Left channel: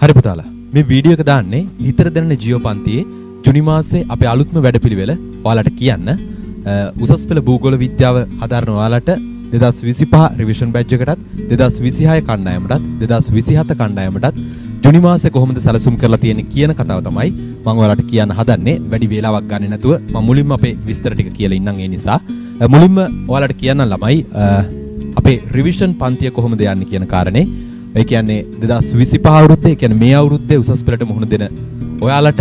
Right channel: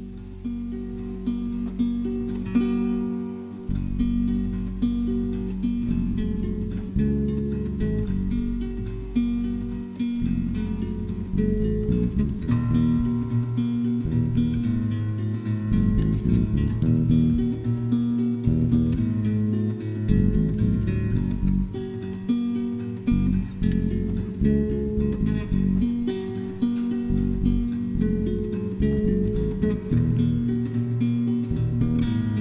හරි පුතාලා මේ වීඩියෝ එක දාන්නේ හිතර දැනෙන ජීව පන්තියේ ජුනි මාසේ අපේ අලුත්ම වැඩපිළිවෙල ඔයාලට කියන්න උසස් පෙළ භූගෝල විද්‍යාව හදාරන ඔයාලට 2025 රිවිෂන් බැච් එකටත් 2026 කණ්ඩායමටත් 2027 කණ්ඩායමටත් ජුනි මාසේ කොහොමද සැලසුම් කරලා තියෙන්නේ කියන කතාව තමයි මම ඔයාලට කියන්න හදන්නේ. වැඩි වේලාවක් ගන්නේ නැතුව මම මුලින්ම අපේ විස්තර ටික කියලා ඉන්නම්. ඒ නිසා මුලින්ම ඔයාලට කියන්න ළමයි අපේ රිවිෂන් පන්තිය කොහොමද යන්නේ කියන කාරණේ. ඒ කියන්නේ 2025 අවුරුද්දේ කියන්නේ මේ අවුරුද්දේ උසස් පෙළට මුහුණ දෙන ඔයාලට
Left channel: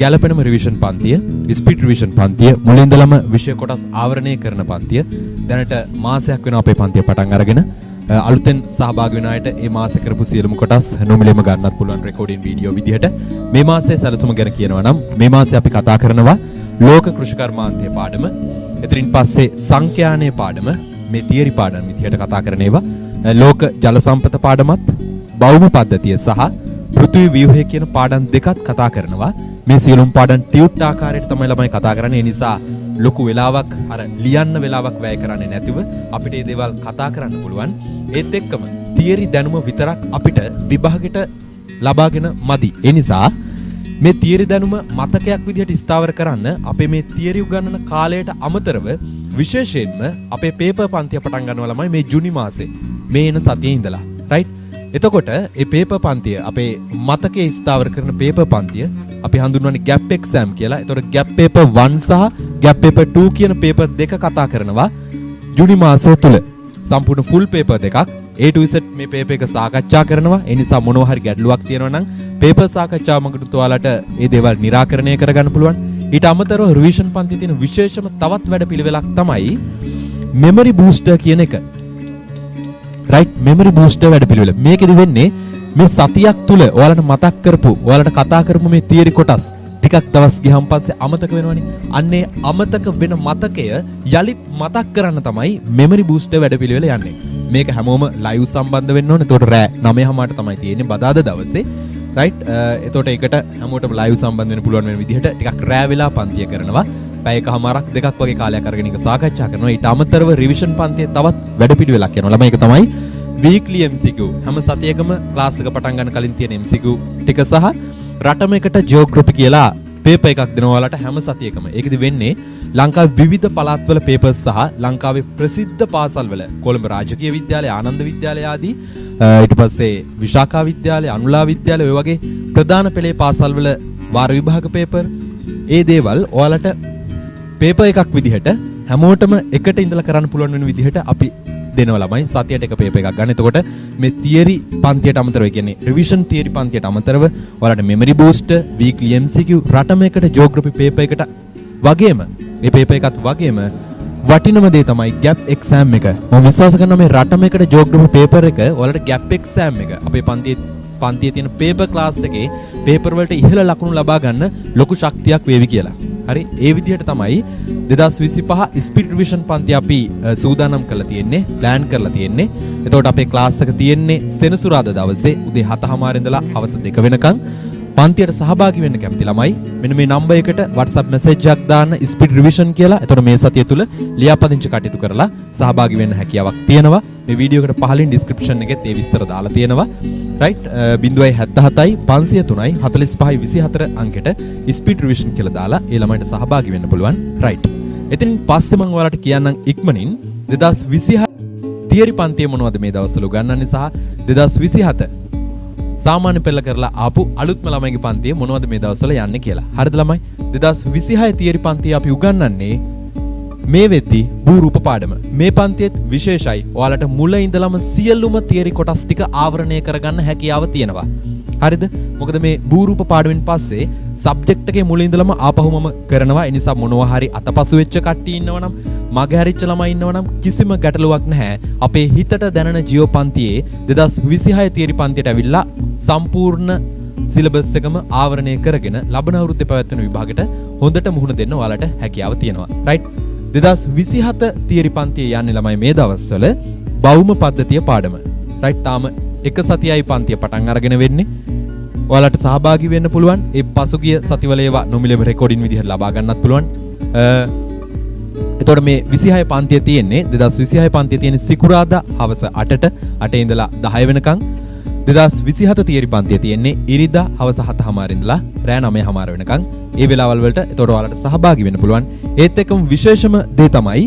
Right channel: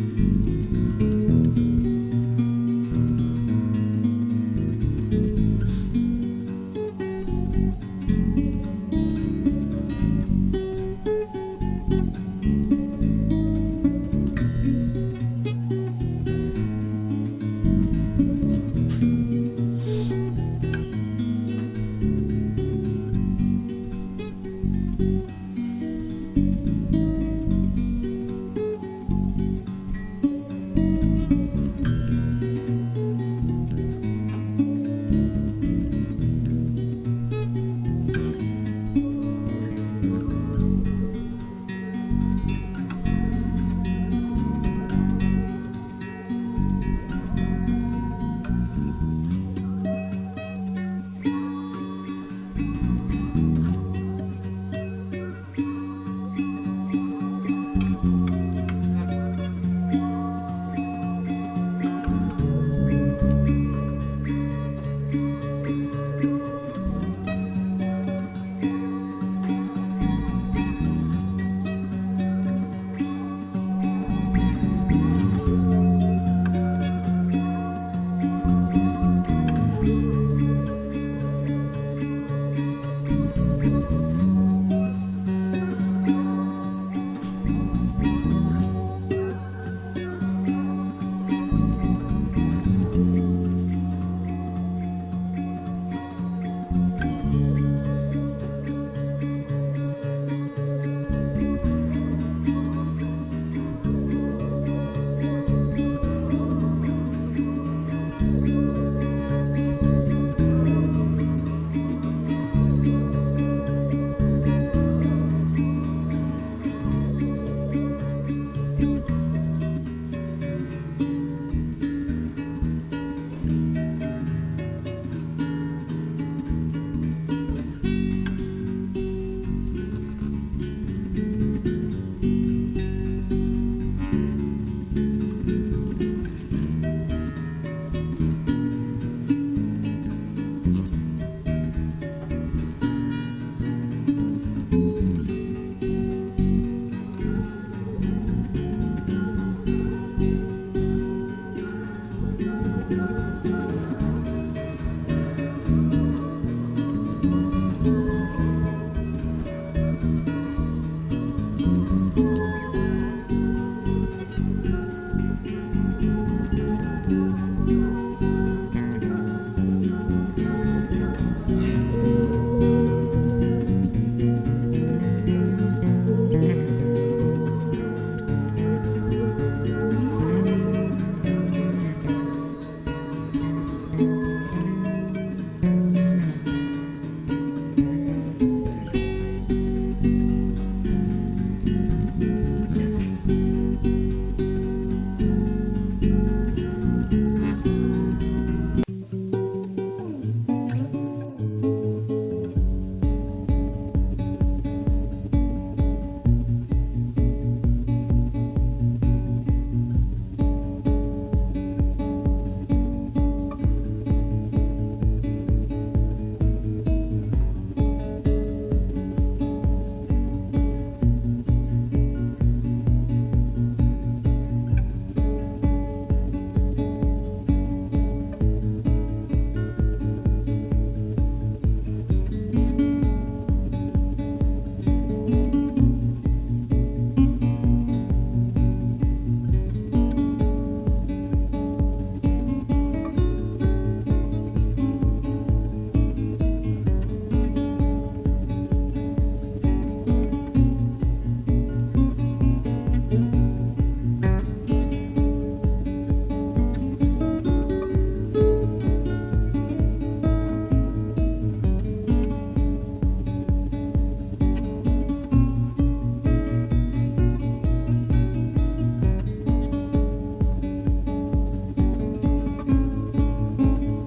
ගැළපෙනම රිවිෂන් පන්තිය, ස්පීඩ් රිවිෂන් පන්තිය, මුලින් ඉඳලම විෂය කොටස් ආවරණය කරන පන්තිය. දැනට මාසයක් වෙනවා අපේ පන්තිය පටන් අරගෙන. අලුතෙන් සහභාගී වෙන අයට මේ මාසේ කරපු සියලුම කොටස් නොමිලේම ගන්නත් පුළුවන් රෙකෝඩින් වීඩියෝ විදිහට. මේ මාසේ සැලසුම ගැන කියනවා නම් මේ මාසේ අපි කතා කරනවා ලෝක කෘෂිකර්මාන්තයේ පාඩම. එතනින් පස්සේ සංඛ්‍යානයේ පාඩම, මේ තියරි පාඩම් විදිහට කතා කරන ඒවා. ලෝක ජල සම්පත පාඩමත්, භෞම පද්ධතිය සහ පෘථිවි ව්‍යුහය කියන පාඩම් දෙකත් කතා කරනවා. මේ සියලුම පාඩම් ටියුට් ආකාරයට තමයි ළමයි කතා කරන්නේ. ඒ නිසා ලොකු වෙලාවක් අර ලියන්න වෙලාවක් වැය කරන්නේ නැතිව අපිට මේ දේවල් කතා කරන්න පුළුවන්. ඒත් එක්කම තියරි දැනුම විතරක් අපිට විභාගෙට ලබාගෙන මදි. ඒ නිසා මේ තියරි දැනුම මතකයක් විදිහට ස්ථාවර කරන්න අපේ මේ තියරි උගන්වන කාලයට අමතරව විශේෂයෙන්ම අපේ පේපර් පන්තිය පටන් ගන්නවා ළමයි මේ ජුනි මාසේ මේ එන සතියේ ඉඳලා. රයිට්? එතකොට මේ පේපර් පන්තිය අපේ මතකයේ ස්ථාවර කරන පේපර් පන්තිය අපි හඳුන්වන්නේ ගැප් එක්සෑම් කියලා. එතකොට ගැප් පේපර් 1 සහ ගැප් පේපර් 2 කියන පේපර් දෙක කතා කරනවා ජුනි මාසය තුල. සම්පූර්ණ ෆුල් පේපර් දෙකක් A to Z මේ පේපර් එක සාකච්ඡා කරනවා. ඒ නිසා මොනවා හරි ගැටලුවක් තියෙනවා නම් පේපර් සාකච්ඡාව මගට ඔයාලට මේ දේවල් निराකරණය කරගන්න පුළුවන්. ඊට අමතරව රිවිෂන් පන්තියේ තියෙන විශේෂම තවත් වැඩපිළිවෙලක් තමයි මෙමරි බූස්ටර් කියන එක. රයිට්? මෙමරි බූස්ටර් වැඩපිළිවෙල. මේකෙදි වෙන්නේ මේ සතියක් තුල ඔයාලට මතක් කරපු, ඔයාලට කතා කරපු මේ තියරි කොටස් ටිකක් දවස් ගියන් පස්සේ අමතක වෙනවනේ. අන්නේ අමතක වෙන මතකය යලිත් මතක් කරන්න තමයි මෙමරි බූස්ටර් වැඩපිළිවෙල යන්නේ. මේක හැමෝම ලයිව් සම්බන්ධ වෙන්න ඕනේ. එතකොට රෑ 9:00ට තමයි තියෙන්නේ බදාදා දවසේ. රයිට්? එතකොට ඒකට හැමෝටම ලයිව් සම්බන්ධ වෙන්න පුළුවන් වෙන විදිහට ටිකක් රෑ වෙලා පන්තිය කරනවා. පැයකමාරක් දෙකක් වගේ කාලයක් අරගෙන ඒක සාකච්ඡා කරනවා. ඊට අමතරව රිවිෂන් පන්තියේ තවත් වැඩපිළිවෙලක් යනවා. ළමයි ඒක තමයි වීක්ලි MCQ. හැම සතියකම ක්ලාස් එක පටන් ගන්න කලින් තියෙන MCQ ටික සහ රටම එකට ජියෝග්‍රැෆි කියලා පේපර් එකක් දෙනවා ඔයාලට හැම සතියකම. ඒකෙදි වෙන්නේ ලංකාවේ විවිධ පළාත්වල පේපර්ස් සහ ලංකාවේ ප්‍රසිද්ධ පාසල්වල කොළඹ රාජකීය විද්‍යාලය, ආනන්ද විද්‍යාලය ආදී ඊට පස්සේ විශාඛා විද්‍යාලය, අනුලා විද්‍යාලය ඔය වගේ ප්‍රධාන පෙළේ පාසල්වල වාර විභාග පේපර් ඒ දේවල් ඔයාලට පේපර් එකක් විදිහට හැමෝටම එකට ඉඳලා කරන්න පුළුවන් වෙන විදිහට අපි දෙනවා ළමයි. සතියට එක පේපර් එකක් ගන්න. එතකොට මේ තියරි පන්තියට අමතරව කියන්නේ රිවිෂන් තියරි පන්තියට අමතරව ඔයාලට මෙමරි බූස්ටර්, වීක්ලි MCQ, රටම එකට ජියෝග්‍රැෆි පේපර් එකට වගේම මේ පේපර් එකත් වගේම වටිනම දේ තමයි ගැප් එක්සෑම් එක. මම විශ්වාස කරනවා මේ රටම එකට ජියෝග්‍රැෆි පේපර් එක ඔයාලට ගැප් එක්සෑම් එක අපේ පන්තියේ තියෙන පේපර් ක්ලාස් එකේ පේපර් වලට ඉහළ ලකුණු ලබා ගන්න ලොකු ශක්තියක් වේවි කියලා. හරි? ඒ විදිහට තමයි 2025 ස්පීඩ් රිවිෂන් පන්තිය අපි සූදානම් කරලා තියෙන්නේ, ප්ලෑන් කරලා තියෙන්නේ. එතකොට අපේ ක්ලාස් එක තියෙන්නේ සෙනසුරාදා දවසේ උදේ 7:00 ඉඳලා හවස 2 වෙනකන්. පන්තියට සහභාගී වෙන්න කැමති ළමයි මෙන්න මේ නම්බර් එකට WhatsApp message එකක් දාන්න ස්පීඩ් රිවිෂන් කියලා. එතකොට මේ සතිය තුල ලියාපදිංචි කටයුතු කරලා සහභාගී වෙන්න හැකියාවක් තියෙනවා. මේ වීඩියෝ එකට පහලින් description එකෙත් ඒ විස්තර දාලා තියෙනවා. රයිට්? 077යි 503යි 45යි 24 අංකෙට ස්පීඩ් රිවිෂන් කියලා දාලා ඒ ළමයින්ට සහභාගී වෙන්න පුළුවන්. රයිට්? ඉතින් පස්සේ මම ඔයාලට කියන්නම් ඉක්මනින් 2026 තියරි පන්තිය මොනවද මේ දවස්වල උගන්වන්නේ සහ 2027 සාමාන්‍ය පෙළ කරලා ආපු අලුත්ම ළමයිගේ පන්තිය මොනවද මේ දවස්වල යන්නේ කියලා. හරිද ළමයි? 2026 තියරි පන්තිය අපි උගන්වන්නේ මේ වෙද්දි භූරූප පාඩම. මේ පන්තියේත් විශේෂයි. ඔයාලට මුල ඉඳලම සියලුම තියරි කොටස් ටික ආවරණය කරගන්න හැකියාව තියෙනවා. හරිද? මොකද මේ භූරූප පාඩමෙන් පස්සේ සබ්ජෙක්ට් එකේ මුල ඉඳලම ආපහුමම කරනවා. ඒ නිසා මොනවා හරි අතපසු වෙච්ච කට්ටිය ඉන්නවනම්, මගේ හරිච්ච ළමයි ඉන්නවනම් කිසිම ගැටලුවක් නැහැ. අපේ හිතට දැනෙන ජීව පන්තියේ 2026 තියරි පන්තියට ඇවිල්ලා සම්පූර්ණ සිලබස් එකම ආවරණය කරගෙන ලබන අවුරුද්දේ පැවැත්වෙන විභාගෙට හොඳට මුහුණ දෙන්න ඔයාලට හැකියාව තියෙනවා. රයිට්? 2027 තියරි පන්තියේ යන්නේ ළමයි මේ දවස්වල භෞම පද්ධතිය පාඩම. රයිට්? තාම එක සතියයි පන්තිය පටන් අරගෙන වෙන්නේ. ඔයාලට සහභාගී වෙන්න පුළුවන්. ඒ පසුගිය සතිවල ඒවා නොමිලේම රෙකෝඩින් විදිහට ලබා ගන්නත් පුළුවන්. එතකොට මේ 26 පන්තිය තියෙන්නේ 2026 පන්තිය තියෙන්නේ සිකුරාදා හවස 8ට 8 ඉඳලා 10 වෙනකන්. 2027 තියරි පන්තිය තියෙන්නේ ඉරිදා හවස 7:00 ඉඳලා රෑ 9:00 වෙනකන්. ඒ වෙලාවල් වලට ඒතකොට ඔයාලට සහභාගී වෙන්න පුළුවන්. ඒත් එක්කම විශේෂම දේ තමයි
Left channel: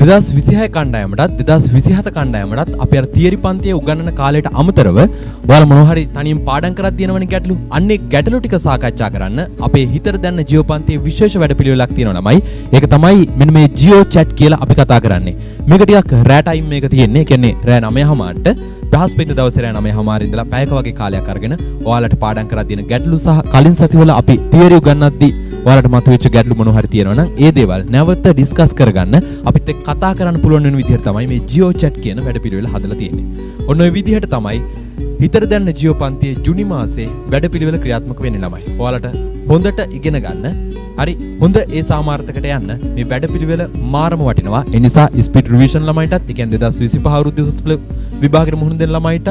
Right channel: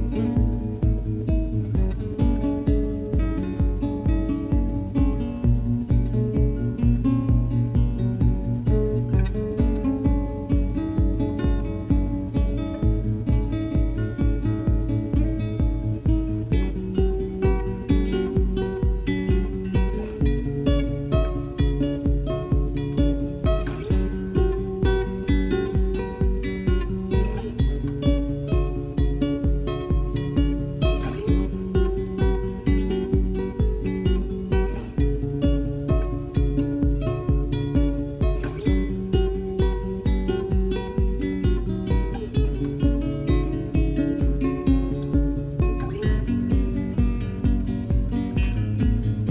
2026 කණ්ඩායමටත් 2027 කණ්ඩායමටත් අපි අර තියරි පන්තියේ උගන්වන කාලයට අමතරව ඔයාලා මොනවා හරි තනියම පාඩම් කරක් තියෙනවනේ ගැටලු. අන්නේ ගැටලු ටික සාකච්ඡා කරන්න අපේ හිතට දැනන ජියෝ පන්තියේ විශේෂ වැඩපිළිවෙලක් තියෙනවා ළමයි. ඒක තමයි මෙන්න මේ ජියෝ chat කියලා අපි කතා කරන්නේ. මේක ටිකක් රෑ ටයිම් මේක තියෙන්නේ. කියන්නේ රෑ 9:00ට බ්‍රහස්පති දවසේ රෑ 9:00 ඉඳලා පැයක වගේ කාලයක් අරගෙන ඔයාලට පාඩම් කරලා තියෙන ගැටලු සහ කලින් සතිවල අපි තියරි උගන්වද්දී ඔයාලට මතුවෙච්ච ගැටලු මොනවා හරි තියෙනවා නම් ඒ දේවල් නැවත ඩිස්කස් කරගන්න අපිත් එක්ක කතා කරන්න පුළුවන් වෙන විදිහට තමයි මේ ජියෝ chat කියන වැඩපිළිවෙල හදලා තියෙන්නේ. ඔන්න ඔය විදිහට තමයි හිතට දැනන ජියෝ පන්තියේ ජුනි මාසේ වැඩපිළිවෙල ක්‍රියාත්මක වෙන්නේ ළමයි. ඔයාලට හොඳට ඉගෙන ගන්න. හරි හොඳ ඒ සාමාර්ථකට යන්න මේ වැඩපිළිවෙල මාරම වටිනවා. ඒ නිසා ස්පීඩ් රිවිෂන් ළමයිටත්, ඒ කියන්නේ 2025 අවුරුද්ද උසස් විභාගෙට මුහුණ දෙන ළමයිටත්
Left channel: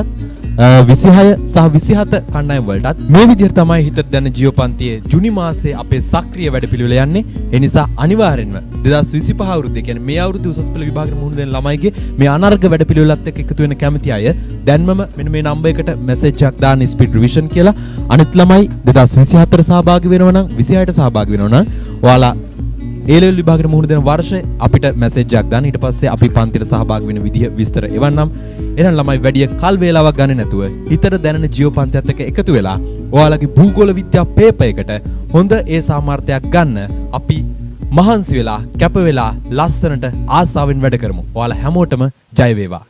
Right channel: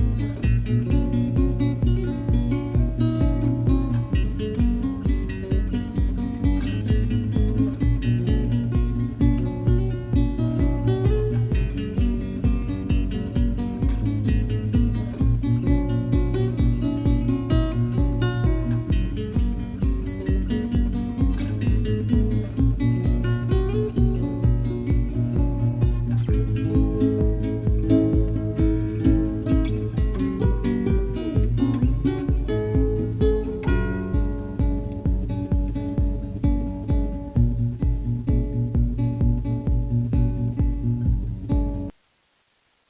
26 සහ 27 කණ්ඩායම් වලටත් මේ විදිහට තමයි හිතට දැනන ජියෝ පන්තියේ ජුනි මාසේ අපේ සක්‍රීය වැඩපිළිවෙල යන්නේ. ඒ නිසා අනිවාර්යෙන්ම 2025 අවුරුද්දේ කියන්නේ මේ අවුරුද්ද උසස් පෙළ විභාගෙට මුහුණ දෙන ළමයිගේ මේ අනර්ග වැඩපිළිවෙලත් එක්ක එකතු වෙන්න කැමති අය දැන්මම මෙන්න මේ නම්බර් එකට මැසේජ් එකක් දාන්න ස්පීඩ් රිවිෂන් කියලා. අනිත් ළමයි 2024 සහභාගී වෙනවා නම් 26ට සහභාගී වෙනවා නම් ඔයාලා A-level විභාගෙට මුහුණ දෙන වර්ෂේ අපිට මැසේජ් එකක් දාන්න. ඊට පස්සේ අපි පන්තියට සහභාගී වෙන විදිහ විස්තර එවන්නම්. එහෙනම් ළමයි වැඩි කල් වේලාවක් ගන්නේ නැතුව හිතට දැනෙන ජියෝ පන්තියත් එක්ක එකතු වෙලා ඔයාලගේ භූගෝල විද්‍යා පේපර් එකට හොඳ ඒ සාමාර්ථයක් ගන්න අපි මහන්සි වෙලා කැප වෙලා ලස්සනට ආසාවෙන් වැඩ කරමු. ඔයාලා හැමෝටම ජය වේවා.